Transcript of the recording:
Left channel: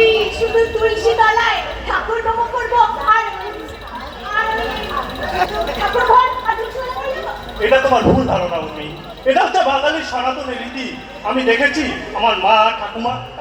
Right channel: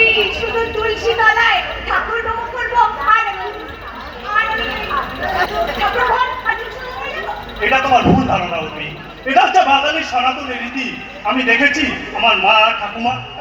ওই শুধু তুলসী তলায় ঠাকুর নমো করবো আর ঠাকুর ঘর এটা তোমার ভুল ধারণা উর্মি। এটা হচ্ছে বাঙালির সনাতন রীতি। আমি দেখেছি আমার মা ঠাকুমা